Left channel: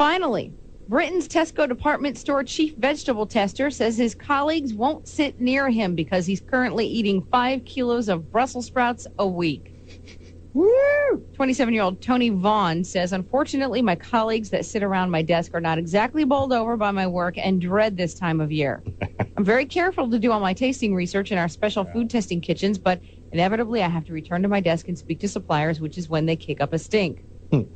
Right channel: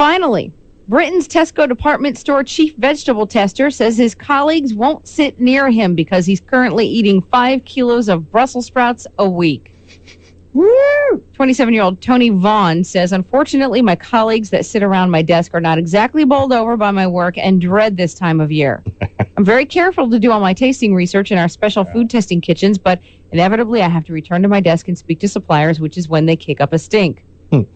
Finally, Britain's Tesco department store chief vegetable tester says his colleagues won't sit near him because he's currently eating 5 kilos of Brussels sprouts a week. Woo! 27-year-old Tony Vaughn says, unfortunately, my colleagues that sit around my desk are not exactly bowled over by my work and dread this time of year. I'm very careful to do all my tasting research in our special food testing kitchens, but inevitably I have to return to my desk and speak to suppliers, which is when they kick up a stink.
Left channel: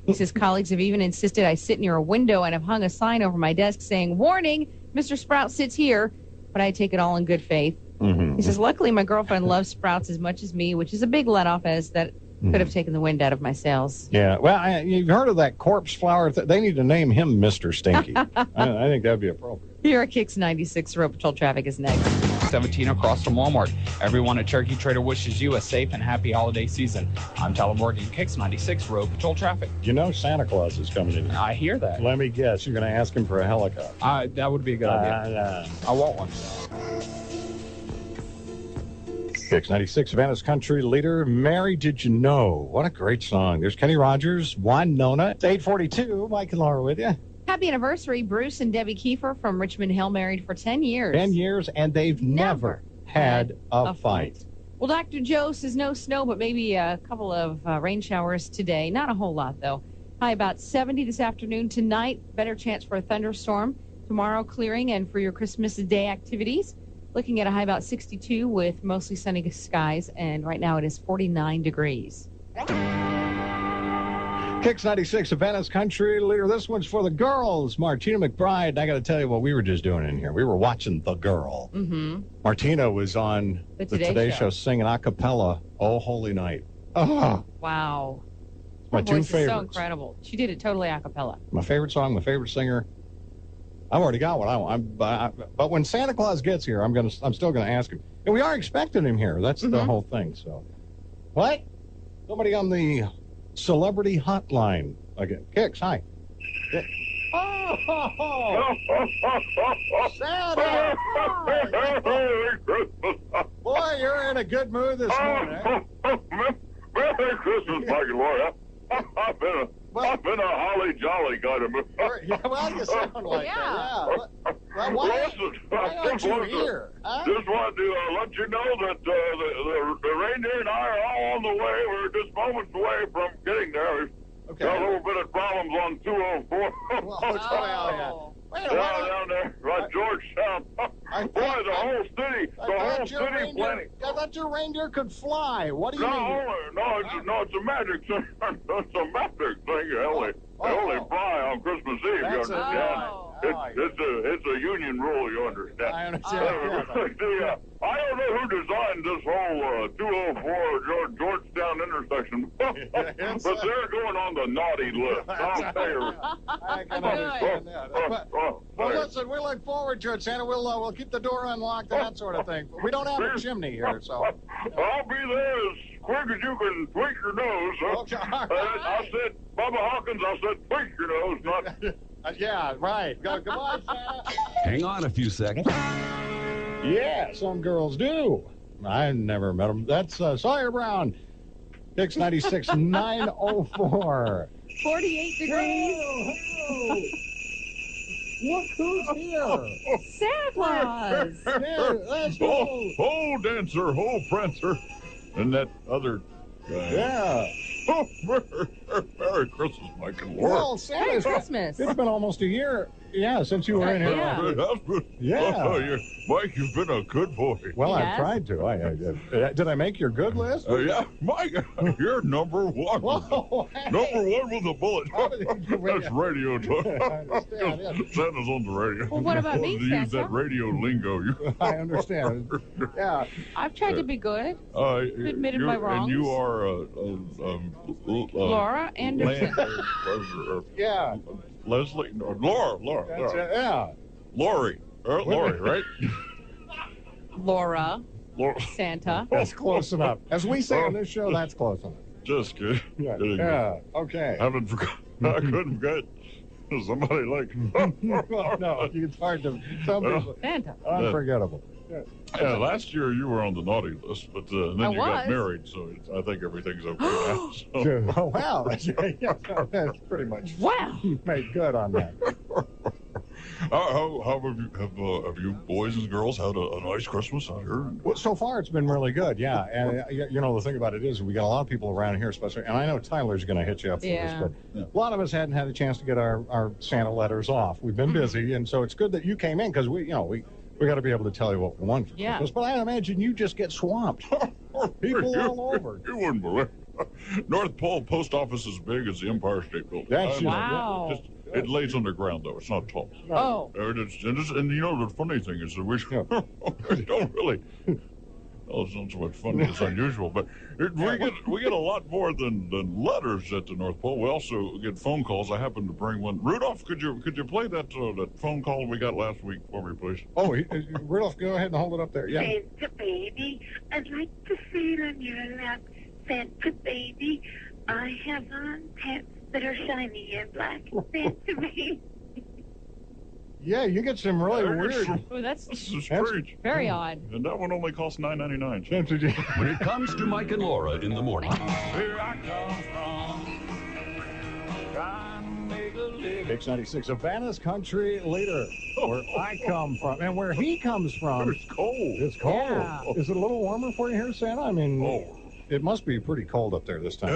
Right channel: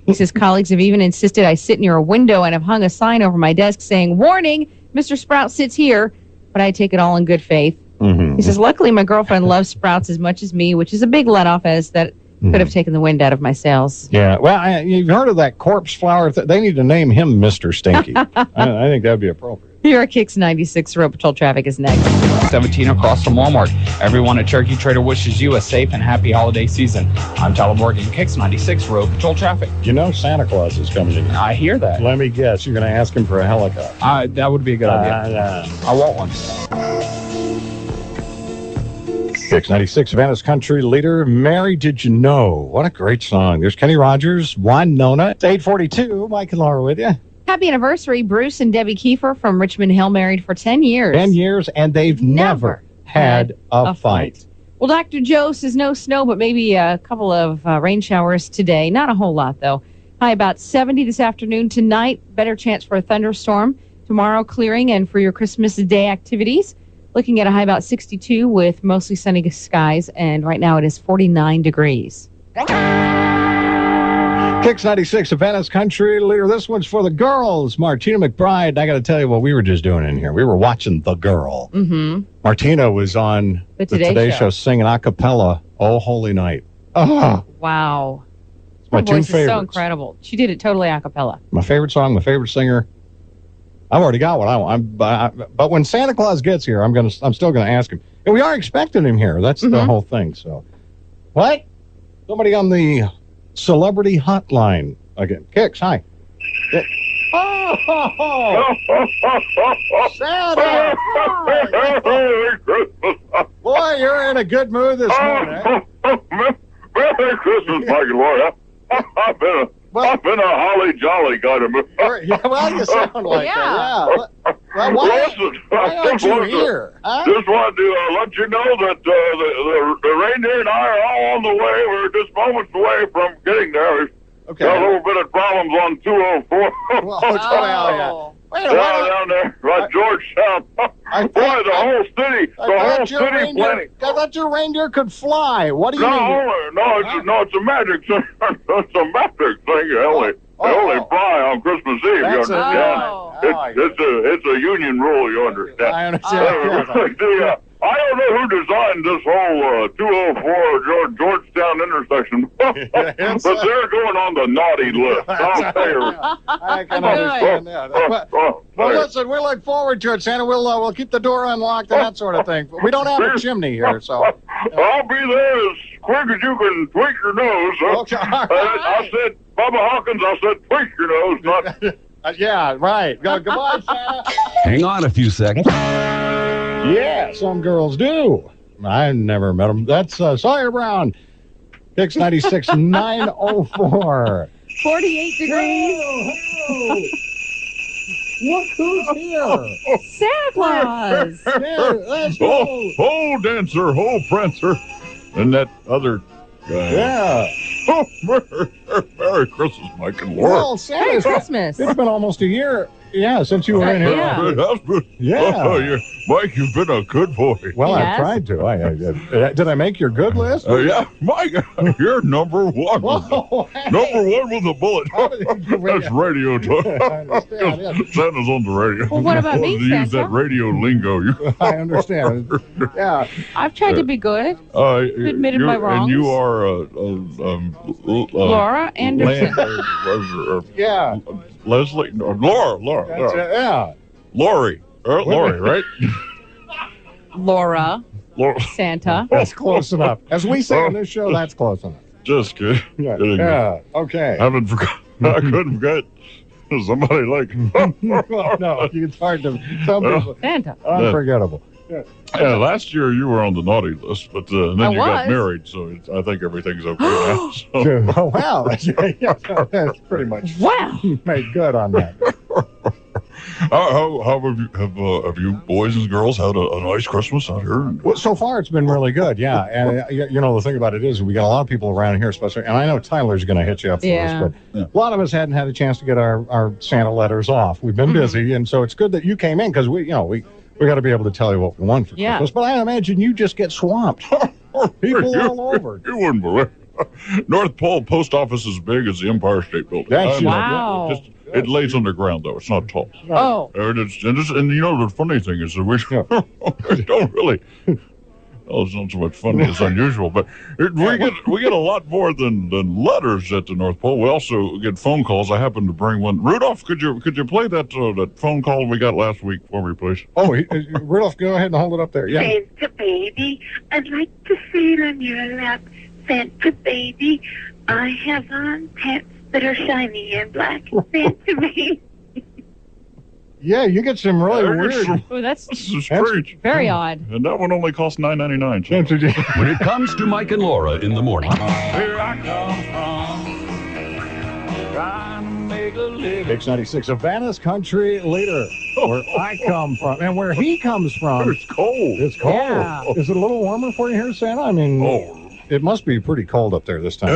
He says colleagues have even insisted I sit near a window and have hung a sign over my desk saying, warning, Mr. Sprout sits here, but I take it all in good faith. He says, luckily my girlfriend loves Sprouts as much as me, which is a big let-off as that could have taken the wind out of my sails. Yeah, well, you've heard of that corpse flower? They need to name him Mr. Stinky. I think that would be appropriate. Here at Kicks 96, Road Patrol traffic is next. 17 across from Walmart. Everyone at Turkey Trader wishes you a safe and happy holiday season. I'm Tyler Morgan, Kicks 96, Road Patrol traffic. You know Santa Claus is coming in. I hear that. Let me guess, you're going to ask him for a helicopter. That would be a good idea. I want one. Kicks 96, Savannah's country leader, Mary Did You Know? What a great song. There's Kenny Rogers, Winona. It's 8:42. Mike and Laura with you. Happy anniversary, Bruce and Debbie Kiefer from Richmond Hill, married for 10 years. 10 years, and they've never had a fight. Well, Dr. Joe says no snow, but maybe a couple of rain showers today. Not a whole lot, though. High about 70 this afternoon. Tonight, better chance for a thunderstorm. Tomorrow, clearing, and for your Christmas Day activities, looking at a high about 62 with mostly sunny skies, and right now it is 49 degrees. Kicks 96, Savannah's country leader. This one's for the girls. Martina McBride. I got to tell you what we were just doing in here. We were watching The Girl. Martina was on the Today Show singing a cappella, Oh Holy Night. Oh, wow. My two voice favorites. Is so incredible. She did it totally a cappella. My favorite song, my favorite singer. I've already got what I want. But when Santa Claus gets here, I'm still gonna ask him. And we are expecting him here. That's the whole thing. So, what? Somebody on the celebrity hotline again. Kicks, hi. Santa! Boy, you're in a good mood this morning. Merry Christmas, Mike and Laura. I've been a holly jolly kind of mood. Yeah, well, you sound like that. Yeah. Well, why aren't you here? Huh? Just wanted to let you know that the reindeer and I are all on the way. We're just moments away from getting there. Okay. Got a little bit of problems on 204. Down there, right, Georgetown. Boy, the whole city planning. I thought your reindeer could fly. What do you mean? No, it's a magic thing. It's a magic thing. They only fly on Christmas Eve. You understand? It's a union rule. You understand? I understand. I don't know who designed this whole 204 Georgetown intersection, but they're going on the naughty list. I'll tell you. I can understand that. Well, listen, we look forward to it, Santa. We'll keep the door unlocked and that sort of thing. We don't have a chimney here, so. I'll be there as quick as you can tweak your nose. Okay, I said, Bubba Hawkins, I said tweak your nose, not... Yeah, right. Goodbye, Santa. Hang on a few seconds. Yeah, some girls do. I never met them. That's Sawyer Brown. Kicks 96, 904. 48 degrees. Look who's here. Santa Claus. Let's go. Oh, Dancer, oh, Prancer. And that other guy. Yeah. Oh, Merry Christmas, Mike and Laura. Well, Merry Christmas. It's been almost a year. Yeah, since you were in here. Yeah. It has been. Yeah. Oh, Mike, you've been a good boy. Well, Yes. I tried to. Did I make your good list? Yeah, Mike, you're number one. Whoa, hey. Number one with a bullet. That's radio talk. I understand, yeah. Santa's on the radio. Well, what about me, To use Santa? that radio lingo. I understand. Yeah. I've tried to be good. Admitted my wrongs. And you are Laura Anderson. Yeah. Leslie, no, Laura. That's it, yeah. Lori, right? Laura. Santa. That's close enough. As we say on this show, that's close enough. Just kidding. Yeah. Okay. I couldn't forget somebody like. Well, no, it's hard to. Some people. Santa. Unforgettable. Yeah, last year you were on the naughty list, but then I you got was. married, so I think everything's okay now. So. Oh, wow. That's pretty much Wow. made good on that. How have you boys and girls had a nice Christmas out here? Well, so far, it's been really good, yeah. And, the thing about it is we got a lot of people around here, especially, and I know Tyler's going to hit you up for Yeah. this, but a lot of us hadn't had a chance to get our Santa letters off. We've been busy, and so it's good that you came in because we got to be able to tell you what we want for Christmas. But I imagine you just get swamped. People all over. You wouldn't believe it. North Pole post office is big as the Empire State Building. That's wow. It lays underground, though. It's not tall. Oh. And the funny thing is that we don't really. Well, it's not so much funny as unusual, but we get a lot more than letters at the North Pole. We also get phone calls. I happen to bring one. Rudolph, could you play that phone call we got last week for me, please? Oh, Rudolph, go ahead and hold it up there. Yeah. Santa baby, I'd like to sit on your lap. Santa baby, I have on pants that are shiny and black. Santa baby. Yeah, you get some really weird. Oh, that's This is strange. very odd. And that one only costs $9.99. When it comes to Mike and Laura in the morning. Where I come from, trying to make a living. Mix 96, Savannah's country leader, where I come from, and where he comes from. It's cold. It's cold. Yeah. Is it a little warmer for you here, Santa? I mean, it must be pretty cold up there this time.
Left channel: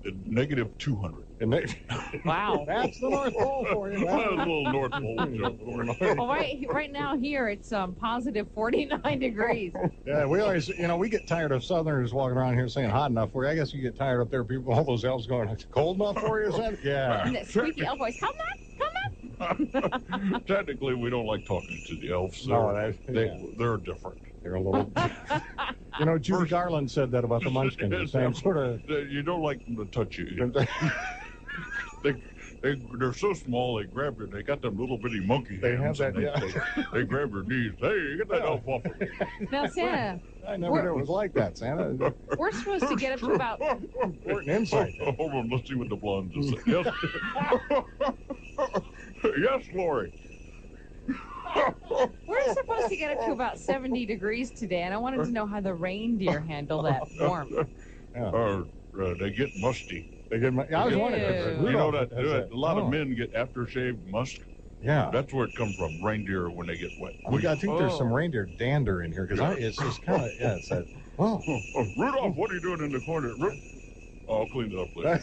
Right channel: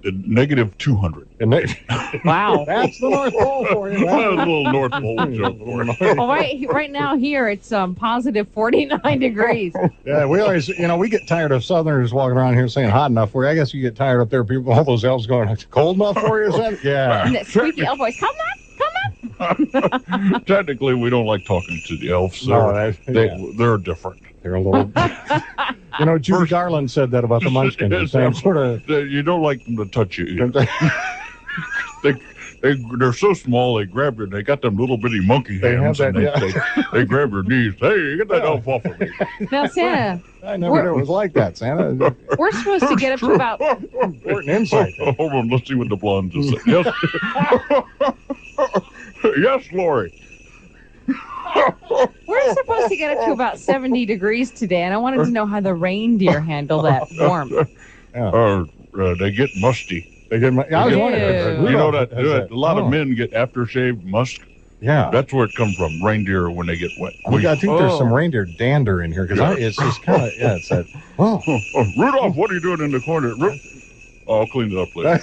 It's negative 200. And Wow. that's the North Pole for you. A little North Pole joke for you. Well, right now here it's positive 49 degrees. Yeah, we always, we get tired of Southerners walking around here saying hot enough for you. I guess you get tired up there, people, all those elves going, it's cold enough for you, Santa? Yeah. And that squeaky elf voice, come on. Technically, we don't like talking to the elves. No, They're different. they're a little. Judy Garland said that about the Munchkins. The same sort of. You don't like them to touch you. They're so small. They grab you. They got them little bitty monkey hands. They have that, they grab your knees. Hey, get that elf off of me. Now, Santa, I never knew it was like that, Santa. we're supposed to get up to about Important insight. Hold on, let's see what the blonde just said. Yes, yes, Lori. we're supposed to get up to about 70 degrees today, and I wanted to know how the reindeer handle that warmth. They get musty. They get I was wondering. Ew. You know that a lot of men get aftershave musk. Yeah. That's where it comes from. Reindeer when they get wet. I think there's some reindeer dander in here because it's just kind of it's that. Oh, Rudolph, what are you doing in the corner? I'll clean it up later.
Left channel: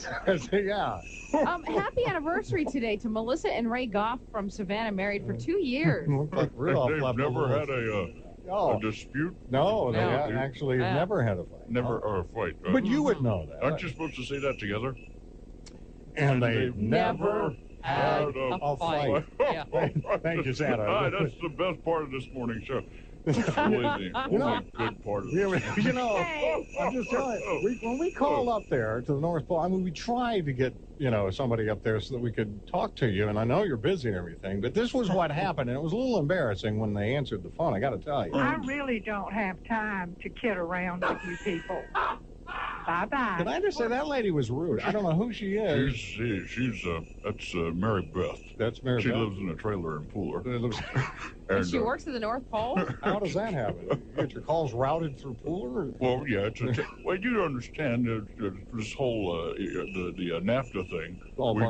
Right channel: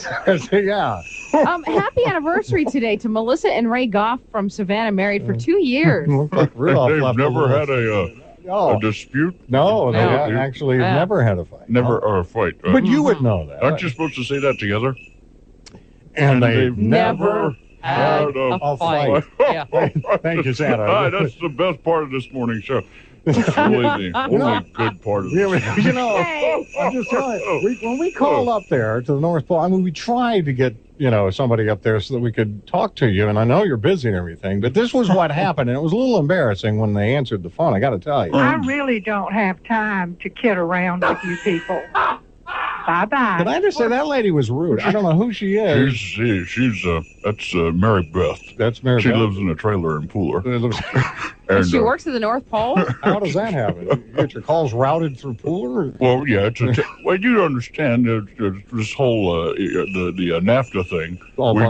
yeah. Happy anniversary today to Melissa and Ray Goff from Savannah, married for 2 years. Looks like Rudolph They've left never little- had a dispute. No, they No. actually never had a fight. Never or a fight. But you would know that. Aren't you supposed to say that together? And they've never had a a fight. Yeah. Thank you, Santa. That's the best part of this morning show. It's really the only good part of this. I'm just telling you, when we called up there to the North Pole, I mean, we tried to get, somebody up there so that we could talk to you, and I know you're busy and everything, but this was what happened, and it was a little embarrassing when they answered the phone, I got to tell you. I really don't have time to kid around with you people. Bye-bye. Did I just say that lady was rude? I don't know who she is. That's Mary Beth. That's Mary She Beth. lives in a trailer in Pooler. And she works at the North Pole? How does that happen? You get your calls routed through Pooler? Well, yeah, well, you understand this whole the NAFTA thing.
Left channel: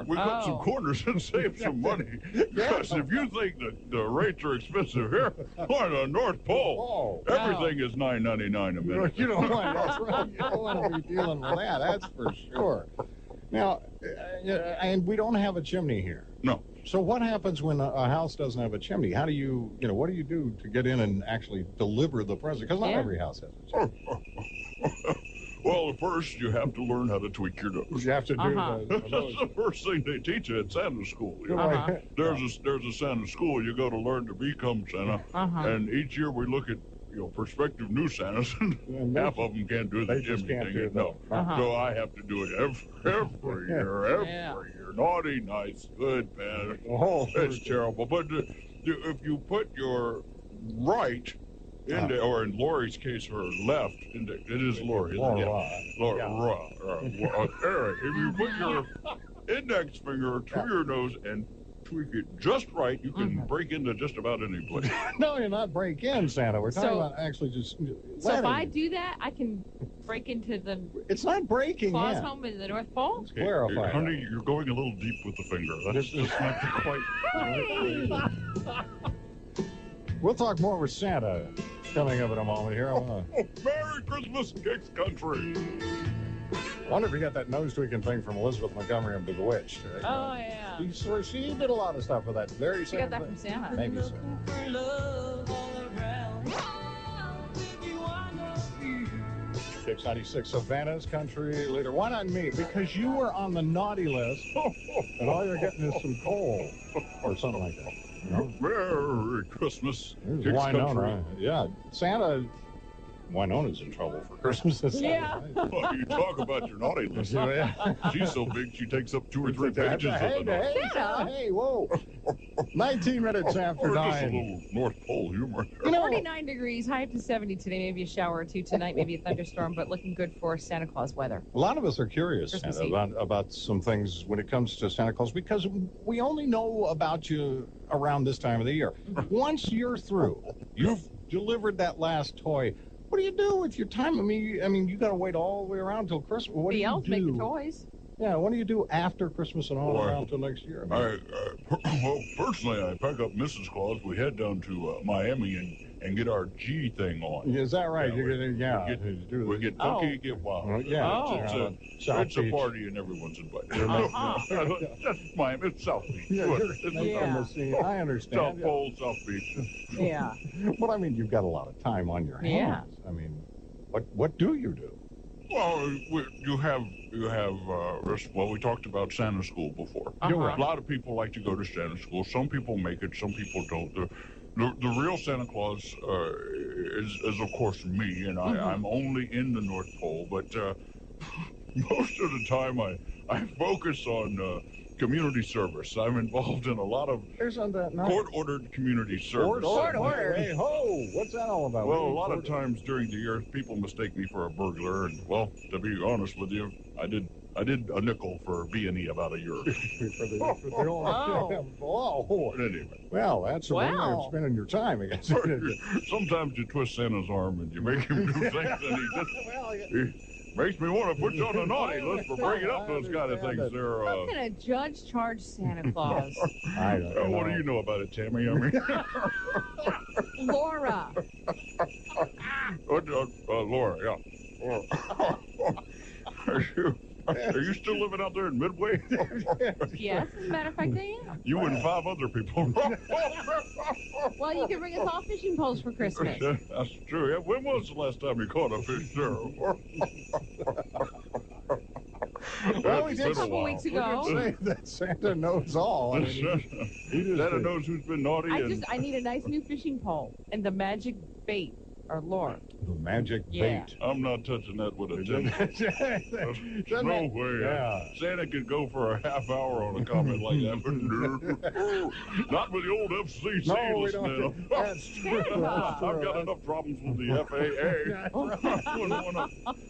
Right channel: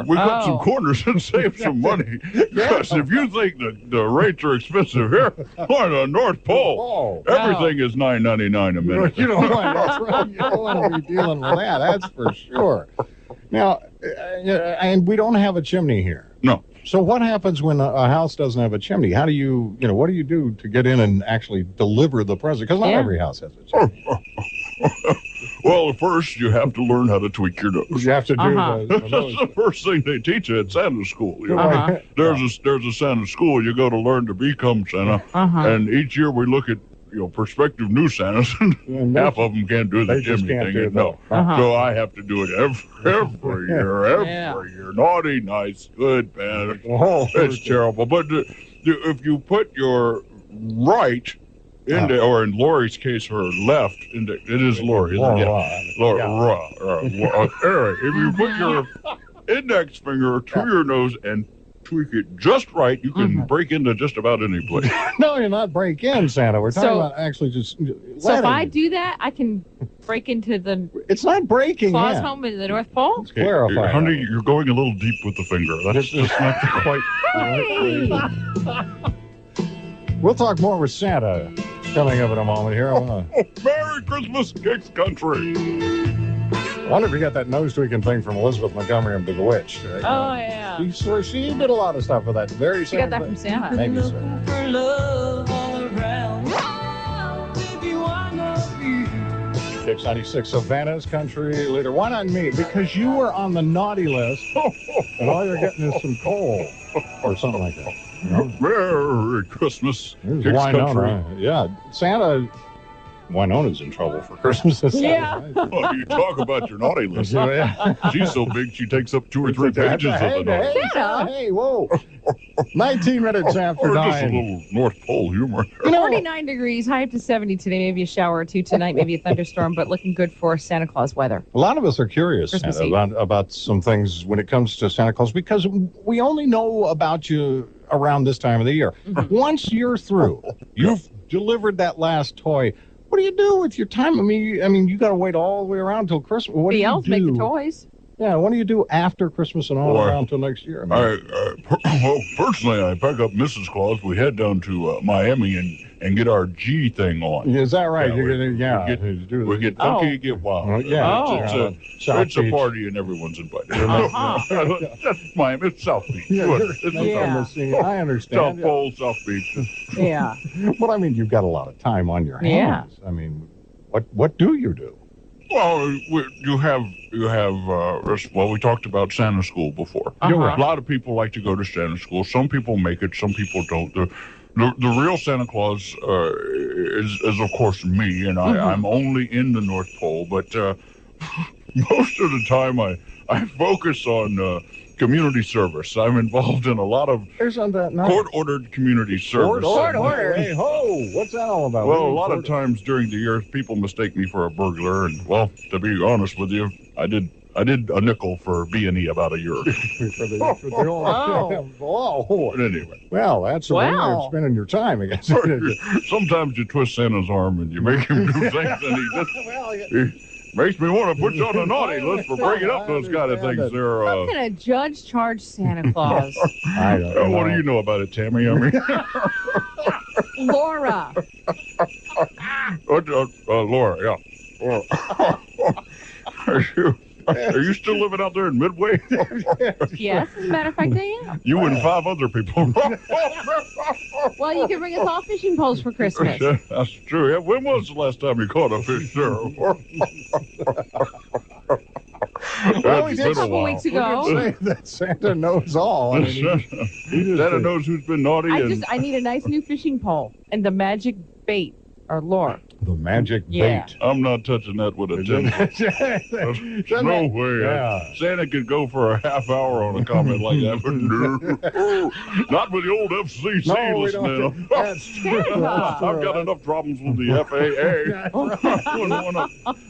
We got some corners and save some money. Because if you think that the rates are expensive here on the North Pole, everything is $9.99 a minute. You don't want that's right. You don't want to be dealing with that. That's for sure. Now, and we don't have a chimney here. No. So what happens when a house doesn't have a chimney? How do you what do you do to get in and actually deliver the present? Because not every house has a chimney. Well, first you have to learn how to tweak your nose. You have to do That's the first thing they teach you at Santa school. There's a Santa school. You go to learn to become Santa, and each year we look at prospective new Santas, and half of them can't do the chimney thing. No, so I have to do it every year. Naughty, nice, good, bad. It's terrible. But if you put your right into, or in Lori's case, her left, it is Lori, isn't it? Lori. If you put your index finger to your nose and tweak it just right, you can break into just about any place. No, you're not break in, Santa. We're talking So- about actually just. So if letting- I do that, I can break into the It's not breaking Claus in. home in the North Pole? Let's clarify. Honey, you're going a little deep with the finger. That's not quite. Hey! We'll talk more with Santa coming up in a moment here. I Merry Christmas, Kicks Country. wonder if you got that nose tweaking thing from Elizabeth Montgomery and Bewitched. Right? Oh, yeah. She did a lot of stuff with that very She got same that thing. from Santa. Maybe so. Kicks 96, Savannah's country leader. Why not me? Because you were on the naughty list, and all you're getting is some coal or something like that. You know? Merry Christmas, Here's Kicks Winona. Country. Yeah, Santa. Winona's in trouble for Christmas. This Yeah. Oh, you talk about your naughty list. Yeah. She's so big she takes up 2 or 3 pages of the naughty. Hey, Santa. hey, whoa. 19 minutes after Or just a 9. little North Pole humor. You know, 49 degrees, high up to 70 today. Maybe a shower or two tonight, maybe a thunderstorm, but looking good for Santa Claus weather. a lot of us are curious, Christmas Santa, Eve. about some things when it comes to Santa Claus because we only know about you around this time of the year. Once you're through, you've delivered that last toy. What do you do with your time? I mean, you got to wait all the way around till Christmas. What do The you elves do? make the toys. Yeah, what do you do after Christmas and all Boy, around till next year? Well, personally, I pack up Mrs. Claus. We head down to Miami and get our G thing on. Is that right? Yeah, You're we- gonna, we do get Oh. funky, get wild. yeah. Oh. It's a party and everyone's invited. Uh-huh. That's Miami. It's South Beach. Yeah, Good. you're It's not Yeah. on the scene. I South understand. Pole, South Beach. Yeah. But I mean, you've got a lot of time on your Yeah. hands. I mean, what do you do? Well, you have well, we talked about Santa School before. You're Uh-huh. right. A lot of people like to go to Santa School. Some people make it, some people don't. The real Santa Claus is of course me, and I'm only in the North Pole. But most of the time, I focus on community service. I'm involved in a lot of There's on that night. court-ordered community service. ordered. Hey ho! What's that all about? Well, a lot of times during the year, people mistake me for a burglar, and well, to be honest with you, I did a nickel for B&E about a year. Oh. But anyway, Well, that's the way Wow. you're spending your time, I guess. sometimes you twist Santa's arm and you make him do things, and he makes me want to put you on the naughty list for bringing up those kind of things. There, How can a judge charge Santa Claus? I don't know. what do you know about it, Tammy? I mean, Laura. Laura, yeah. Are you still living out there in Midway? Yes, as a matter of fact, I am. You and 5 other people. Well, you can bring us all fishing poles for Christmas. That's true. Yeah, when was the last time you caught a fish, sir? Well, we It's did been A a couple while. weeks We can ago. say that Santa knows all. I mean, he just- Santa knows who's been naughty and I need a nice new fishing pole and the magic bait or lure. the magic Yeah. bait. I'm not touching that with a 10. There's no way. Yeah. Santa could go for a half hour on a comment like that, but no. Not with the old FCC No, we listening. don't. That's true. That's I've got true. enough problems with the FAA.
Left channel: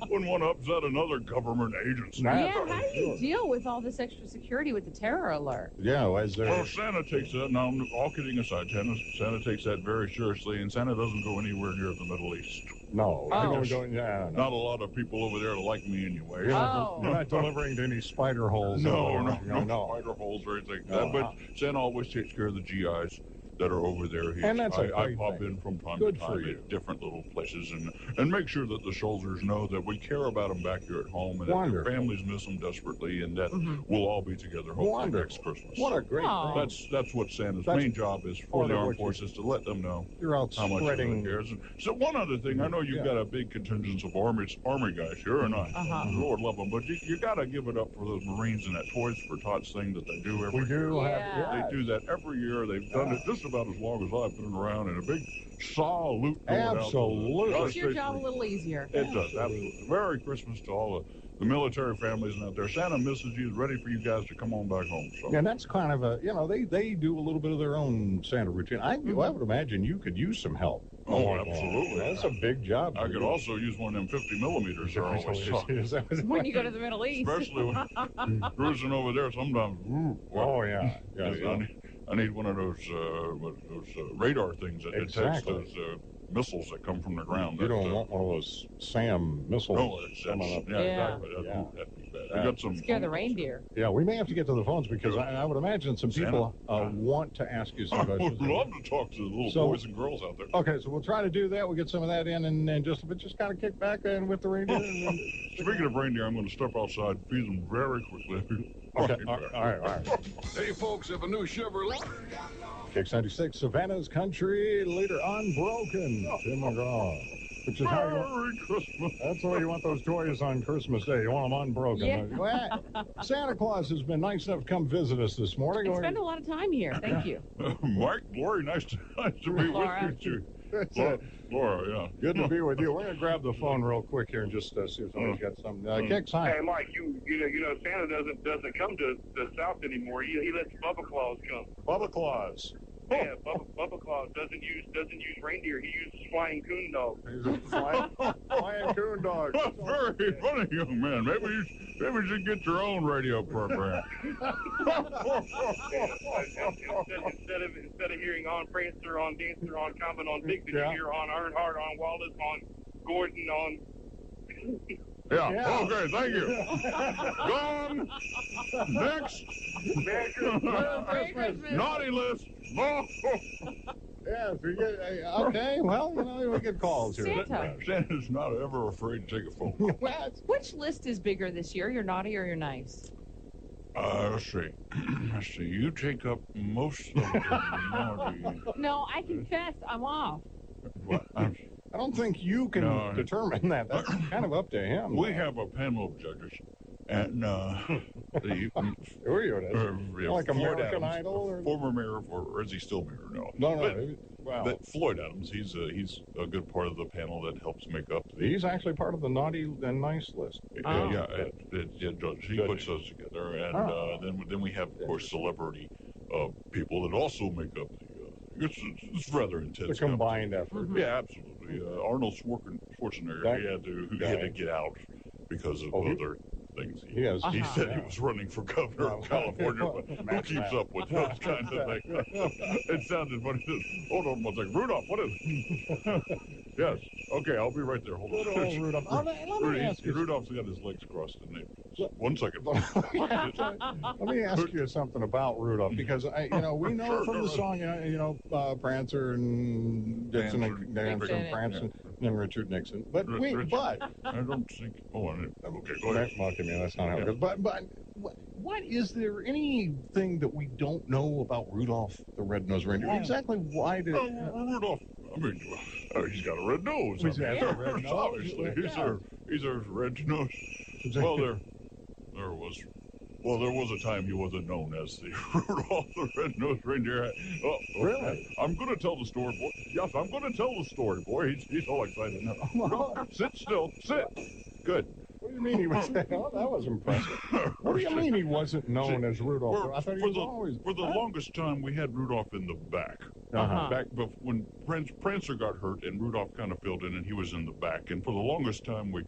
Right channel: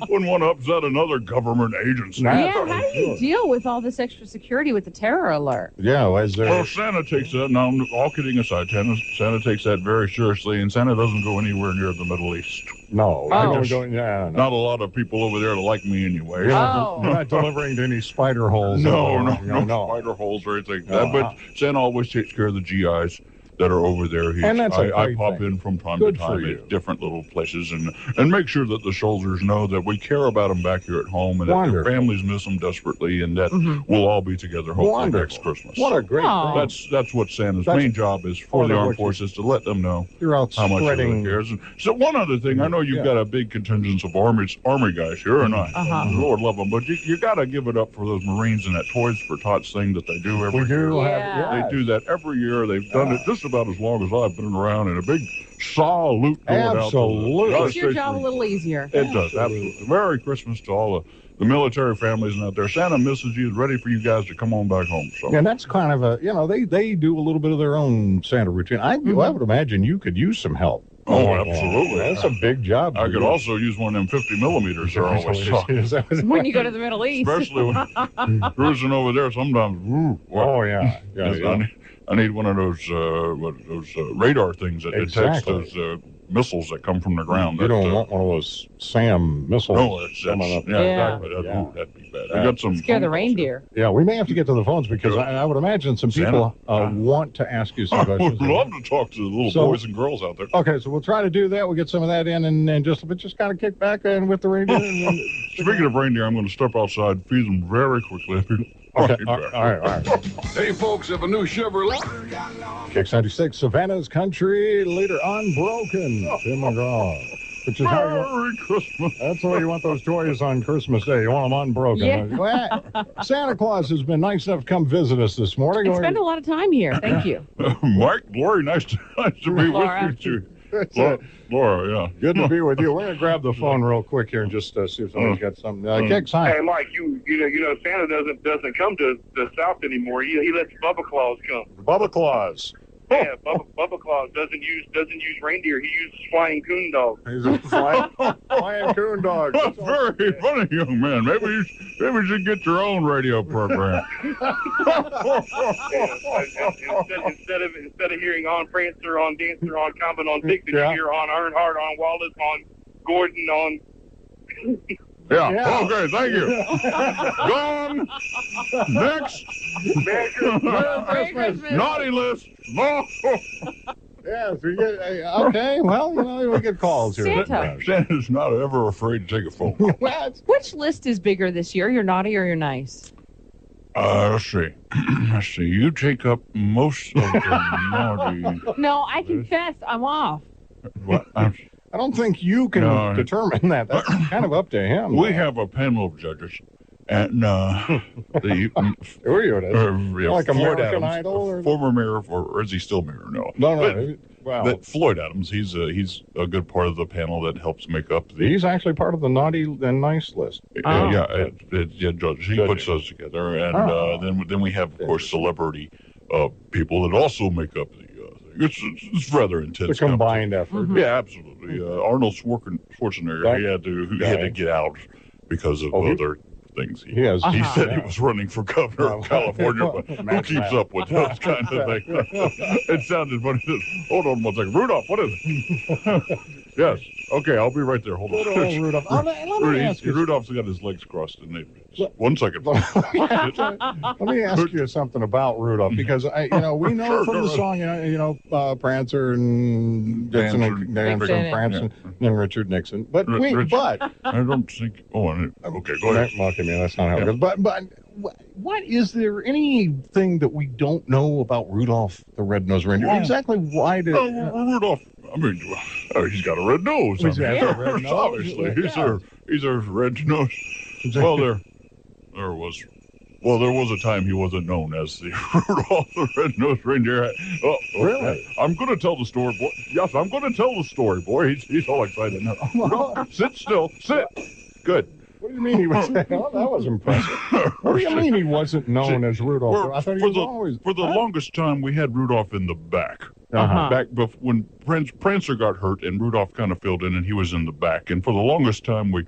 Wouldn't want to upset another government agency. Nah. Yeah, how do you deal with all this extra security with the terror alert? Yeah, was there? Well, Santa takes that, now all kidding aside, Santa takes that very seriously, and Santa doesn't go anywhere near the Middle East. No, Oh. I don't go. Yeah, no. Not a lot of people over there like me anyway. Oh. You're not delivering to any spider holes. No, no, no spider holes or anything like No, that. But Santa always takes care of the GIs that are over there. And that's a I great pop thing. in from time Good to for time you. at different little places and make sure that the soldiers know that we care about them back here at home and that their Wonderful. families miss them desperately and that Mhm. we'll all be together hopefully Wonderful. next Christmas. What a great Aw. thing. That's what Santa's That's main job is for part the of armed what you- forces, to let them know You're out how much he spreading. really cares. And so one other thing, I know you've Yeah. got a big contingent of army guys here, and Uh-huh. Lord love them, but you got to give it up for those Marines and that Toys for Tots thing that they do every We year. do Yeah. have. They do that every year. They've done it just about as long as I've been around, and a big salute going out to Absolutely. the Makes your United job a States little easier. Marines. It does, absolutely. Merry Christmas to all the military families out there. Santa misses you, is ready for you guys to come on back home. So. And that's kind of a, they do a little bit of their own Santa routine. I would imagine you could use some help. Oh, absolutely. That's a big job. I could also use one of them 50 millimeters they're always talking. Is that what- When you go to the Middle East. Especially when cruising over there sometimes. Woo, Oh, yeah. Yes, Yeah, I I need one of those radar things that detects those missiles that come from the ground. You don't want one of those SAM missiles. No, exactly. That'd be bad. We got some. Scare the reindeer. Yeah, we may have to get to the phones because I would imagine some people want to ask you some I questions. would love to talk to the little boys and girls out there. Okay, so we'll try to do that. We'll get some of that in and just kind of kick back in with the reindeer. Speaking of reindeer, I'm going to step outside, feed them very quickly. Okay, all right. Hey, folks, if a new Chevrolet. Kicks 96, Savannah's Country Leader, Unbroken. Tim McGraw. Which is how Merry Christmas. That's the way you want those toys on Christmas Day. You want them unbroken. Yeah. Santa Claus has been nice enough to come visit us this morning. I spent a lot of time here. Thank you. Mike, Lori, nice to be Laura. with you too. Laura, yeah. Good to be with you. We're going to grab the phone real quick here and just see if somebody's got something. Kicks, hi. Hey, Mike, you know Santa doesn't come to the South anymore. He lets Bubba Claus come. Bubba Claus. Yeah, Bubba Claus doesn't use reindeer. He uses flying coon dogs. He's a flying coon dog. That's very funny, young man. Maybe you should get your own radio program. Instead of hearing on Prancer, on Dancer, on Comet, on Dick, you hear on Earnhardt, on Wallace, on Gordon, on. Yeah. Okay, thank you. Gone. Next. Merry Christmas. Naughty list. No. Yes, we get. Okay, well, we get calls here. Santa. Santa's not ever afraid to take a phone. Which list is bigger this year, your naughty or your nice? Let's see. You take up most of the naughty. No, I confess, I'm off. What? I don't think you can determine that. That's kind of up to him. We have a panel of judges, and Who are you? Like American Idol, or former mayor, or is he still mayor? No. Well, Floyd Adams. He's a good part of the panel that helps make up the. He's actually part of the naughty and nice list. Judge. He puts those together, and then we have, of course, celebrity people that also make up the. It's rather intense. The combined effort. Mm-hmm. Yeah, absolutely. Arnold Schwarzenegger, he had to get out because of other things. He said he was running for governor of California, but who keeps up with those kind of things? It sounded funny. Hold on one second. Rudolph, what is it? Yes. Okay, I'll be right there. Hold on. Rudolph. Let me ask you. Rudolph's got his legs crossed. One second. Let me ask you something about Rudolph, because we know from the song, Prancer and Dixon and Prancer and Richard Nixon. But I don't think. Okay, go ahead. Okay, man, that's not how it goes. But what is there anything that we don't know about Rudolph the Red-Nosed Reindeer? Exactly why did Rudolph? I mean, he's got a red nose. He's got a red nose. Obviously, he's a red nose. Well, there was a time he wasn't known as the Rudolph the Red-Nosed Reindeer. Oh, really? I'm going to tell the story, boy. Yes, I'm going to tell the story, boy. He's all excited now. Rudolph, sit still. Sit. Good. What do you mean he was? That was impressive. What do you mean he wasn't known as Rudolph? I thought he was always. For the longest time, we had Rudolph in the back. Back when Prancer got hurt and Rudolph kind of filled in, and he was in the back. And for the longest time, we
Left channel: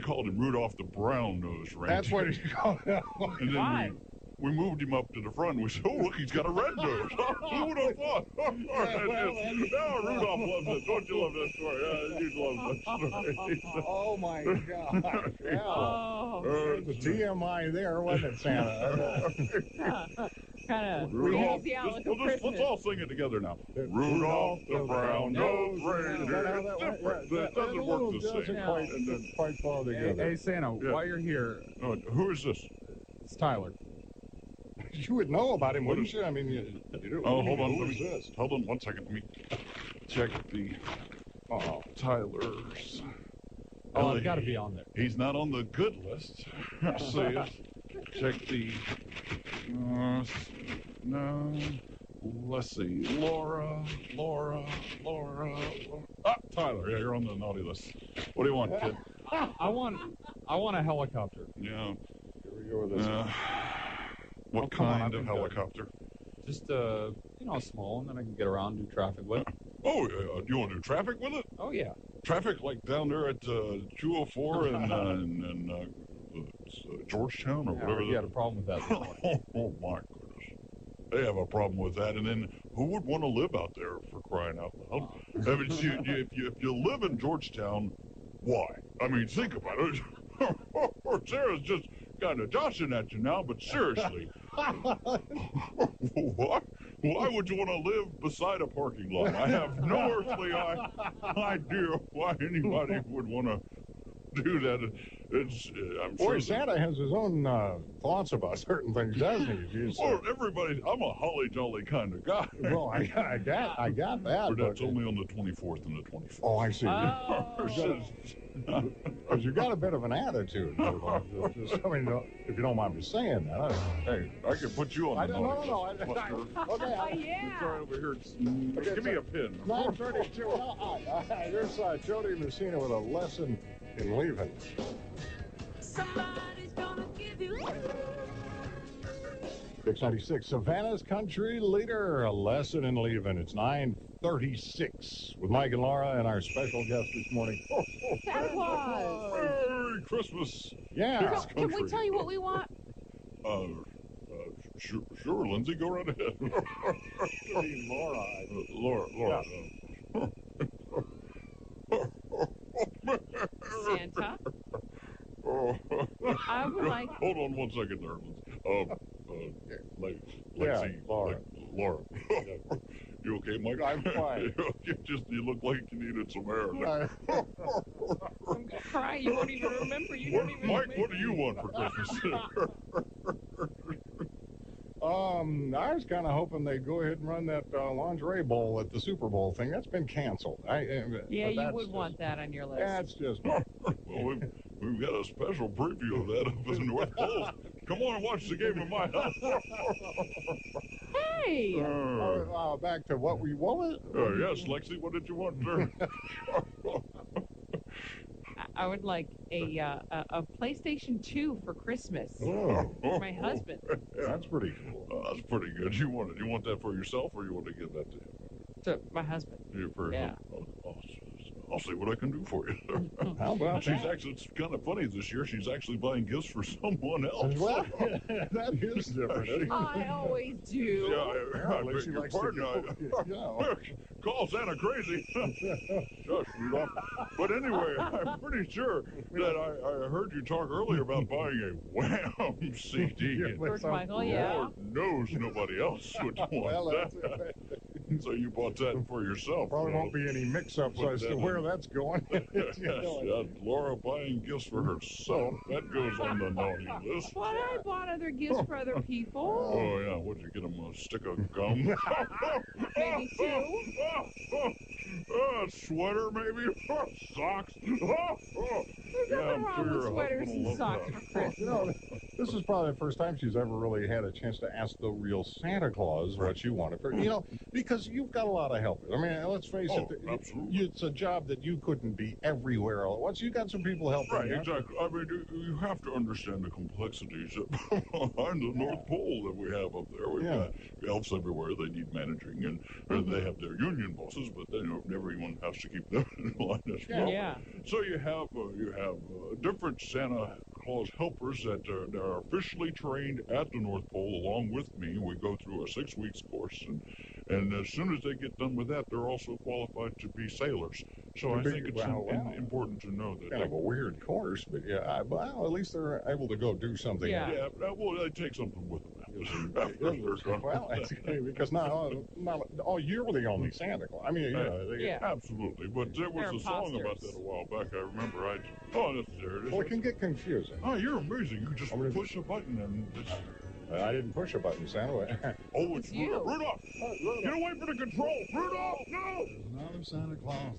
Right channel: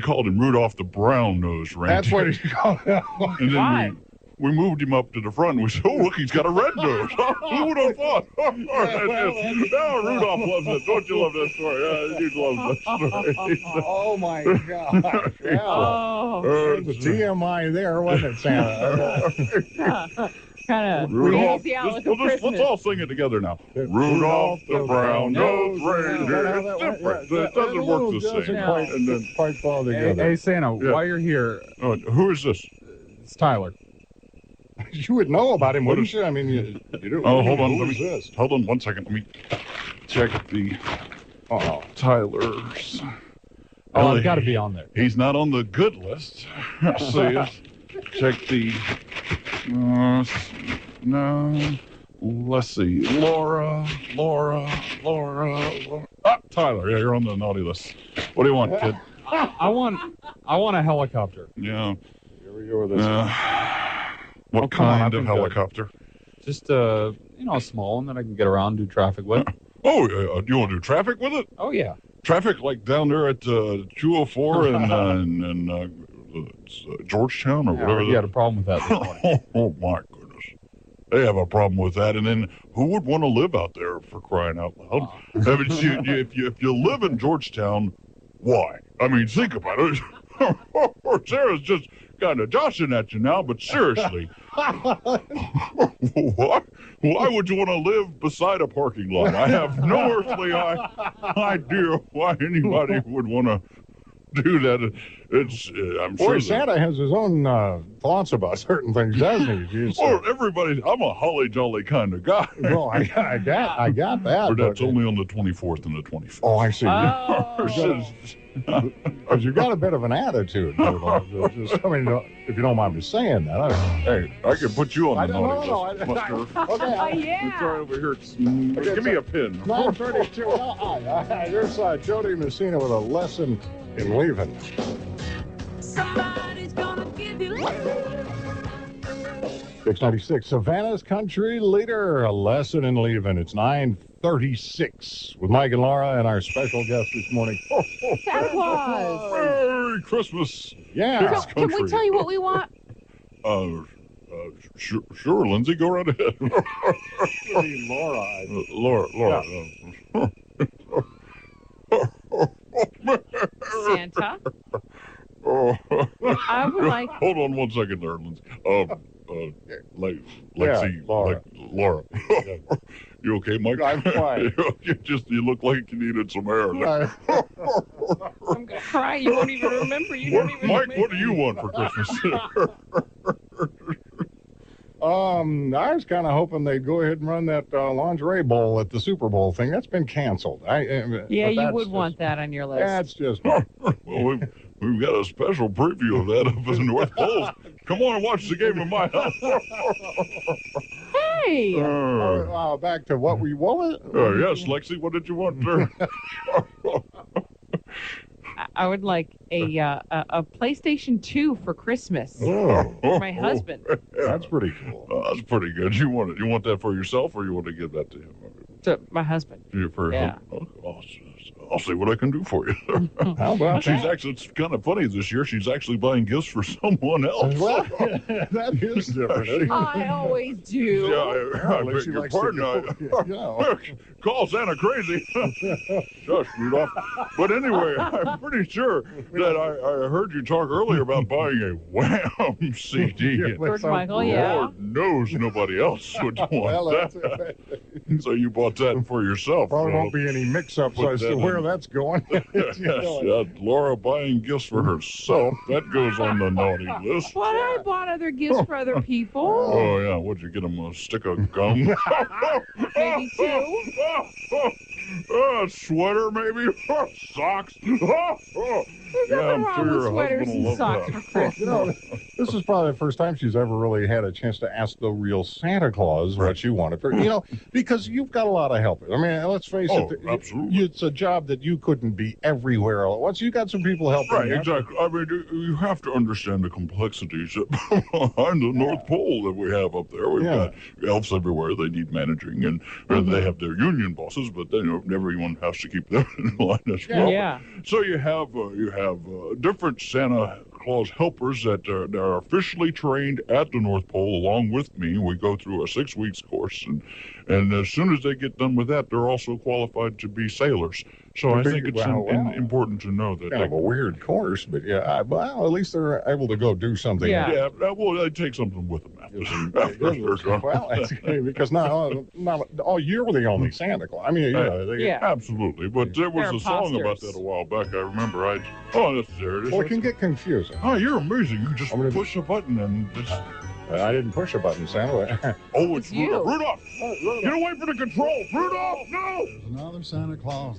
called him Rudolph the Brown-Nosed Reindeer. That's what he called him. And then we moved him up to the front, and we said, "Oh, look, he's got a red nose." Who would have thought? Rudolph loves it. Don't you love that story? He loves that story. Oh my gosh! Yeah. The TMI there, wasn't it, Santa? Kind of Rudolph. Let's all sing it together now. Rudolph the Brown-Nosed Reindeer. It doesn't work the same. And then quite fall together. Hey, Santa, while you're here, who is this? it's Tyler. You would know about him, wouldn't you? I mean, you do. Hold on. This? Hold on 1 second. Let me check the Tyler's. Oh, I've got to be on there. He's not on the good list. Check the. No. Let's see. Laura. Tyler. Yeah, you're on the naughty list. What do you want, kid? I want a helicopter. Yeah. Here we go with this. What kind of helicopter? Just a small one that I can get around, do traffic with. Oh, do you want to do traffic with it? Oh yeah. Traffic like down there at 204 and Georgetown or whatever. You had a problem with that this morning. Oh my goodness. They have a problem with that. And then who would want to live out there, for crying out loud? I mean, if you live in Georgetown, why? I mean, think about it. Sarah's just kind of joshing at you now, but seriously, why would you want to live beside a parking lot? I have no earthly idea why anybody would want to do that. It's I'm Boy, sure Santa has his own thoughts about certain things, doesn't he? Well, everybody, I'm a holly jolly kind of guy. Well, I got that. But that's only on the 24th and the 25th. Oh, I see. Oh. Because you've got a bit of an attitude. Just, I mean, if you don't mind me saying that. Hey, I can put you on the naughty list. Okay. Yeah. Sorry over here. Give me a pin. 9:32. Here's Jody Messina with a lesson in leaving. Somebody's gonna give you 696, Savannah's country leader, a lesson in leaving. It's 9:36 with Mike and Laura and our special guest this morning. Santa Claus. Merry Christmas. Yeah. Can we tell you what we want? Sure, Lindsay, go right ahead. Laura. Laura. Santa. I would like. Hold on 1 second there, Lindsay. Lexi, Laura. Laura. You okay, Mike? I'm fine. you look like you needed some air. I'm gonna cry. You won't even remember. You don't even Mike, remember. what do you want for Christmas? I was kind of hoping they'd go ahead and run that lingerie bowl at the Super Bowl thing. That's been canceled. Yeah, you would want that on your list. That's just. Well, we've got a special preview of that up in the North Pole. Come on and watch the game in my house. Hey! Back to what was it? Yes, Lexi, what did you want, sir? I would like a PlayStation 2 for Christmas Oh, for my husband. That's pretty cool. That's pretty good. You want that for yourself, or you want to give that to him? To my husband. Yeah. I'll see what I can do for you. How about She's actually, it's kind of funny this year. She's actually buying gifts for someone else. Well, that is different. I always do. Yeah, I beg your pardon. Call Santa crazy. Shush, Rudolph. But anyway, I'm pretty sure that I heard you talk earlier about buying a Wham CD. George Michael, yeah. Lord knows nobody else would want that. So you bought that for yourself. Probably won't be any mix-ups as to where that's going. Laura buying gifts for herself. That goes on the naughty list. But I bought other gifts for other people. Oh, yeah. What'd you get them? A stick of gum? Maybe two. A sweater, maybe? Socks? There's nothing wrong with sweaters and socks for Christmas. This is probably the first time she's ever really had a chance to ask the real Santa Claus what she wanted for, because you've got a lot of help. I mean, let's face it. Absolutely. It's a job that you couldn't be everywhere all at once. You got some people helping. Right, exactly. I mean, you have to understand the complexities behind the North Pole that we have up there. We've got elves everywhere. They need managing, and they have their union bosses, but then everyone has to keep them in line as well. Yeah. So you have different Santa Claus helpers that are officially trained at the North Pole along with me. We go through a 6 weeks course, and as soon as they get done with that, they're also qualified to be sailors. So I think it's important to know that. Kind of a weird course, but well, at least they're able to go do something. Yeah, well, they take something with them well, that's good, because not all year we're the only Santa Claus. I mean, absolutely. But there was a song about that a while back. I remember. There it is. Well, it can get confusing. Oh, you're amazing. You just push a button and just. I didn't push a button, Santa. Oh, it's Rudolph. Rudolph! Get away from the control! Rudolph, no! There's another Santa Claus.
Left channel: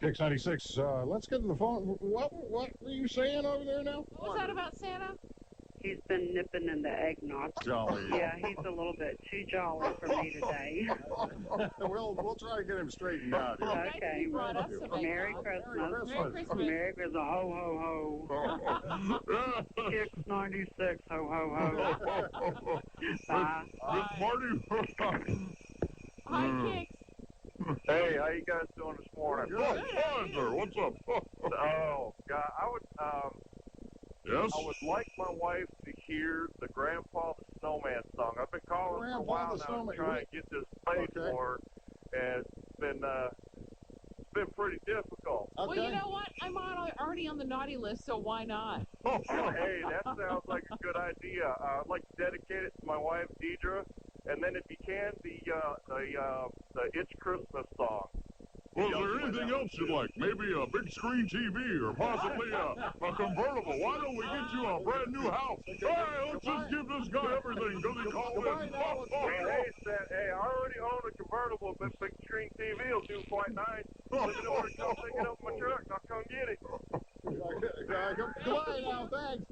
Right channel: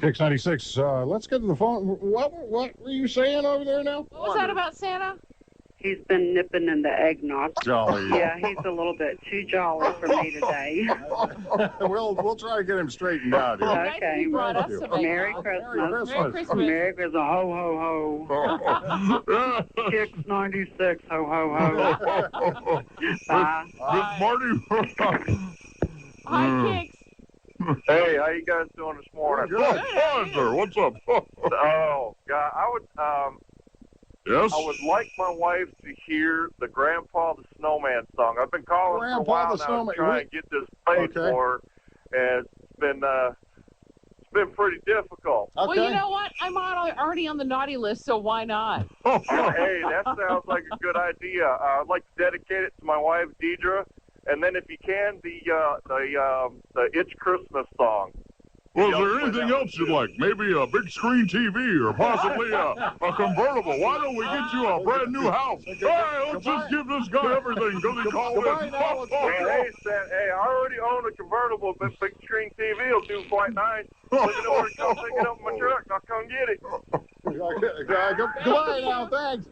696. Let's get to the phone. What were you saying over there now? What was that about Santa? He's been nipping in the eggnog. Jolly. Yeah, he's a little bit too jolly for me today. We'll try to get him straightened out here. Okay. Merry Christmas. Merry Christmas. Ho, ho, ho. Kicks 96. Ho, ho, ho. Bye. Miss Marty. Hi, Kicks. Hey, how you guys doing this morning? Good. Hi, sir. What's up? Oh, God, Yes? I would like my wife to hear the Grandpa the Snowman song. I I've been calling for a while now to try and get this paid for, and it's been pretty difficult. Well, you know what? I'm already on the naughty list, so why not? Hey, that sounds like a good idea. I'd like to dedicate it to my wife, Deidre, and then if you can, the It's Christmas song. Well, is there anything else you'd like? Maybe a big screen TV or possibly a convertible. Why don't we get you a brand new house? Hey, let's just give this guy everything. Go to call in. Hey, I already own a convertible, but big screen TV will do quite nice. Let me know where to come pick it up in my truck. I'll come get it. Goodbye now, thanks.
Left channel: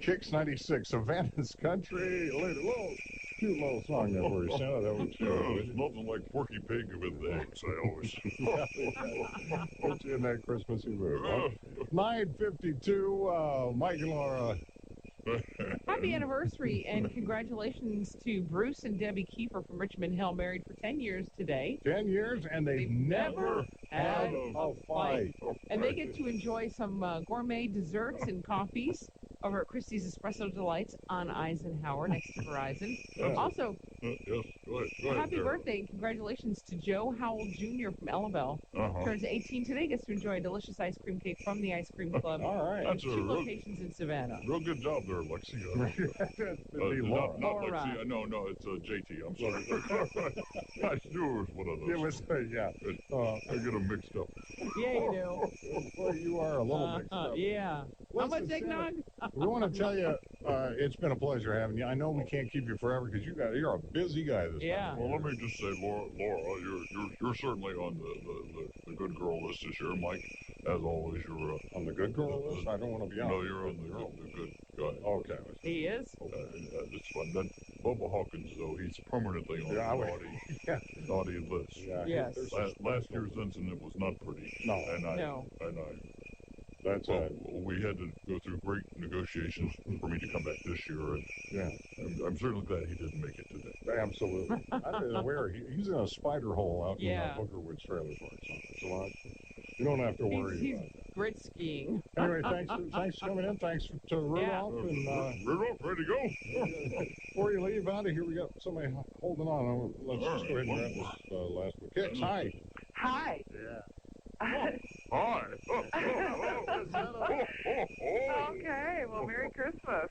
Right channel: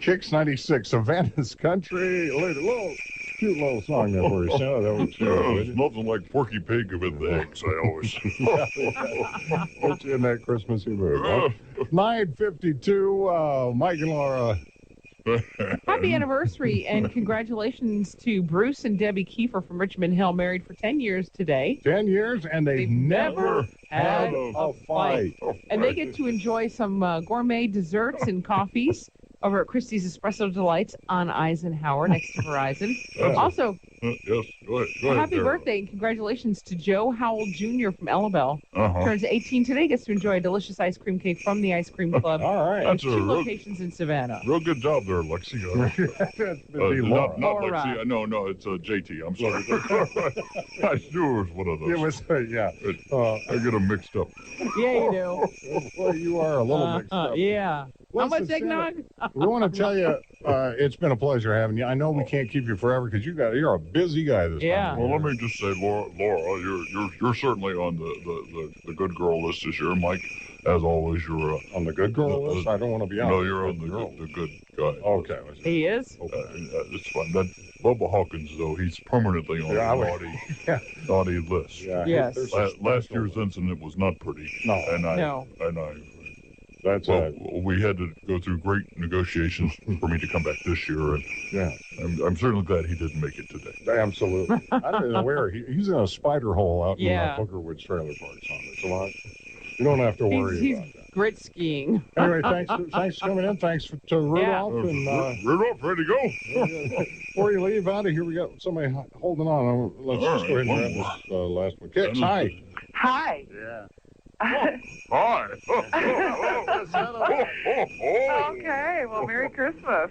Kicks 96, Savannah's Country. Little cute little song there for you. So that was it's nothing like Porky Pig with eggs, I always put you in that Christmassy mood. Huh? 9:52, Mike and Laura. Happy anniversary and congratulations to Bruce and Debbie Kiefer from Richmond Hill, married for 10 years today. 10 years, and they've never had a fight. And they get to enjoy some gourmet desserts and coffees over at Christie's Espresso Delights on Eisenhower next to Verizon. Also, yes, go ahead, happy birthday and congratulations to Joe Howell Jr. from Ellabelle. Turns 18 today, gets to enjoy a delicious ice cream cake from the Ice Cream Club. All right. That's two locations in Savannah. Real good job there, Lexi. Not Lexi. No, it's JT. I'm sorry. I knew it was one of those. It was, I get them mixed up. Yeah, you do. Well, you are a little mixed up. Yeah. How much eggnog? We want to tell you, it's been a pleasure having you. I know we can't keep you forever because you're a busy guy this time. Well, let me just say, Laura, you're certainly on the good girl list this year. Mike, as always, you're on the good girl list. I don't want to be on. No, you're on the good guy. Okay. He is. It's fun. That Bubba Hawkins, though, he's permanently on the naughty list. Yeah. Yes. Last year's incident was not pretty. No. We had to go through great negotiations for me to come back this year, and I'm certainly glad he didn't make it today. Absolutely. I don't know where he's in a spider hole out in Booker Woods Trailer Park. So you don't have to worry about that. He's grit skiing. Anyway, thanks for coming in. Thanks to Rudolph. Rudolph, ready to go? Before you leave out of here, we got somebody holding on. Let's just go ahead and grab this last one. Kicks, hi. Hi. Yeah. Hi. Okay, well, Merry Christmas.